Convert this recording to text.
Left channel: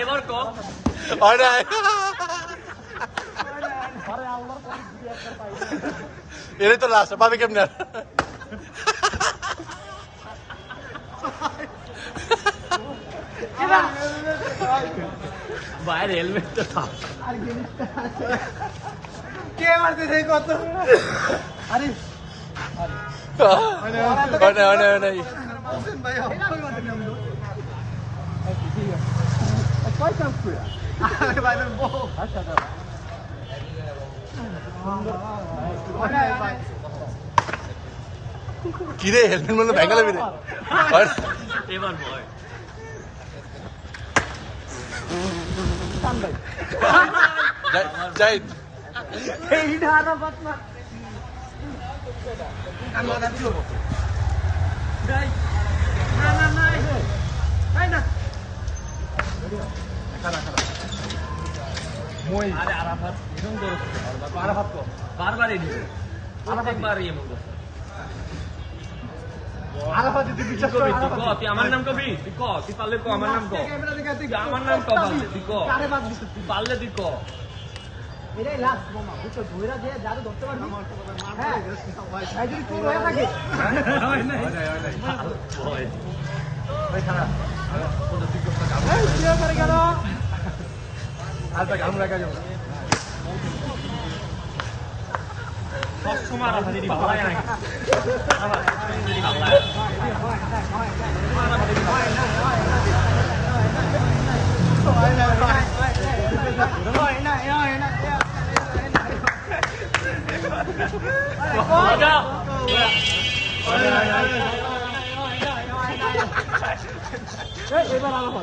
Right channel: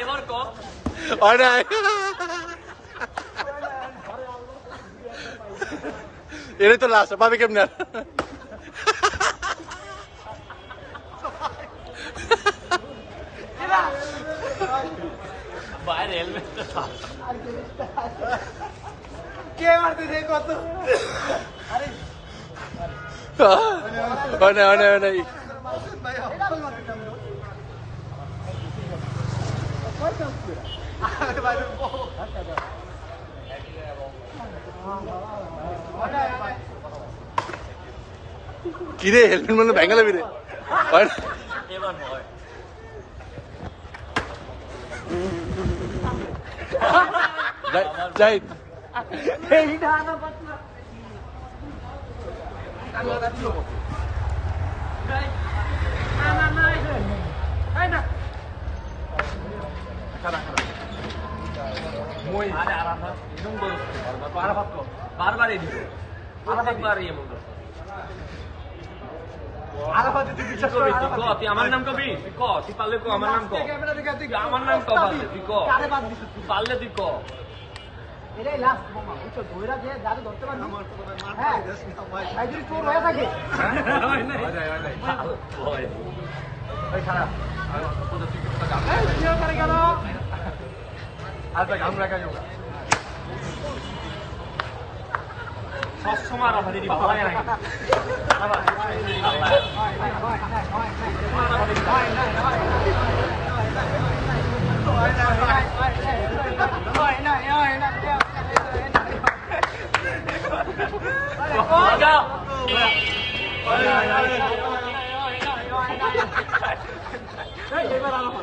এবার কম এটাই তো লাস্ট পাবে কেমনে বাইরে হেলমেট তো কে মারতেছে কত আরে ভাই অবশ্যই মারতে নাম দো কয় চান্স করে আরে ভাই বল আচ্ছা দাও কিরে হেলমেট মানে ভেঙে দেবি রে এবার হয় যাই এই ধারা বাত না কান্না দাও না না না এই না মই আরে আরাফাত এরকম করছ আরাফাত কো বারবার এদিকে আরাফাত বারই এমন করছ আরাফাত তুই বিশ্বাস কর তুই আমার নাম কবি তুই ক তুই পারলে ক আমার নাম ক ক্যামেরা দেখা তুই আমার নাম ক তুই ক কারে বাদ দিছ তুই পারলে তুই ক এটাই লাস্ট বোমা বুঝছো ধইরা যে যারে ধরতে পারবি আমার তো মার করে যাস না ভাই ভাই যদি তোর হয়ে থাকে হয় নাই ওই খারাপ তুই তুই করতে যাবি এই জিও করে গেল আর ভাই গাম রাখা যাও সবসময় আরাফাত এদিকে ভালো লাগে নাকি এবার আলাদা